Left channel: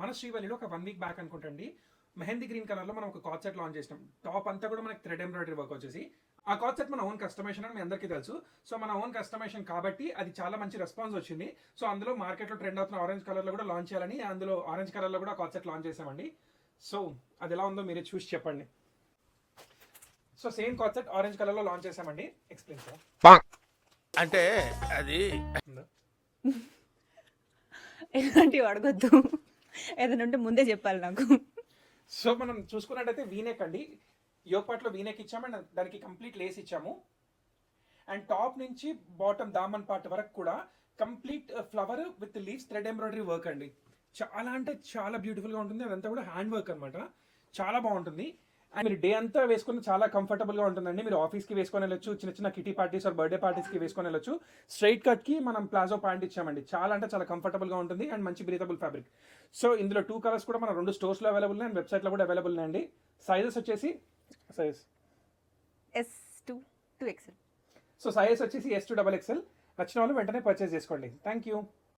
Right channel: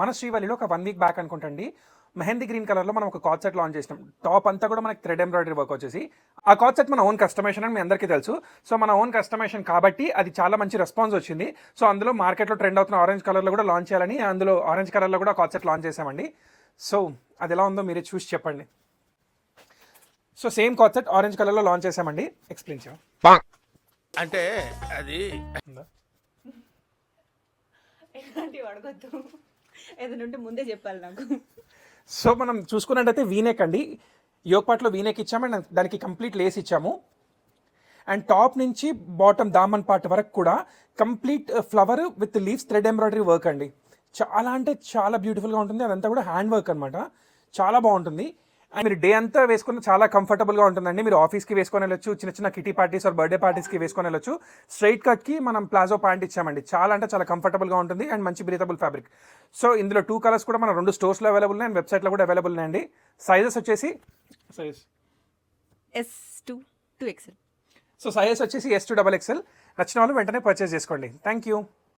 మన శ్రీవల్లిలో ఒక 1 week back అనుకుంటండి mehndi green కలర్లో మనం ఒక కార్డ్ సెట్ లాంచ్ చేసినాం. టాప్ అంతా కూడా మనకి థ్రెడ్ ఎంబ్రాయిడరీ వర్క్ వచ్చేసి ఆ కార్డ్ సెట్ మన ఓన్ కస్టమైజేషన్ అని మీ అందరికీ తెలుసు. సో మన ఓన్ కస్టమైజేషన్ కాబట్టి అది చాలా మంచి రెస్పాన్స్ వచ్చింది. సో అందులో మార్కెట్లో ట్రెండ్ అవుతున్న ఆరెంజ్ కలర్లో కూడా లాంచ్ చేయాలని అందులో ఆరెంజ్ కలర్లో కూడా కార్డ్ సెట్ లాంచ్ చేసామండి. సో అది ఎలా ఉందో మీరే చూసి చెప్పండి. So same card set orange కలర్లో లాంచ్ చేసామండి. ఎక్స్ప్లెయిన్ చేయండి. అంటే అది ఎలాంటివి అడగొద్దు, ఏదైనా ఉంటే ముందే చెప్పాలి నాకు. సో మనం చూసుకున్నట్టయితే వీనెక్ అండి, యోగ్ పార్ట్లో వీనెక్ ఇచ్చాము అండ్ దానికి కంప్లీట్ లేస్ ఇచ్చాము. అండ్ టాప్ నుంచి బాటమ్ దామన్ పార్ట్ వరకు కూడా complete flower with leaves thread embroidery work అండి. చాలా అంటే చాలా బ్యూటిఫుల్గా ఉంటుంది. అదంతా కూడా హ్యాండ్ వర్క్ అనమాట, చాలా బాగుంటుంది. అండ్ మీరు డే అంతా వేసుకుని చాలా కంఫర్టబుల్గా ఉంటుందండి. మీరు ఆఫీస్కి వేసుకొని వెళ్ళొచ్చు, చిన్న చిన్న కిటీ పార్టీస్ ఆర్ బర్త్డే పార్టీస్కి వేసుకొని వెళ్ళొచ్చు. స్ట్రైట్ కట్కి మనం ప్లాజో ప్యాంట్ ఇచ్చామండి. చాలా అంటే చాలా కంఫర్టబుల్గా ఉంటుంది అండ్ మంచి బ్రీతబుల్ ఫ్యాబ్రిక్. సో ఇందులో 2 కలర్స్ కూడా మన 2 స్టోర్స్లో అవైలబుల్ ఉన్నాయి అండ్ వెబ్సైట్లో కూడా అవైలబుల్ ఉన్నాయండి. సైజెస్ వచ్చేసి S2 2XL. సో సైజెస్ వచ్చేసి S2 XXL. నచ్చిన వాళ్ళు వెంటనే పర్చేస్ చేసుకోండి. Thank you.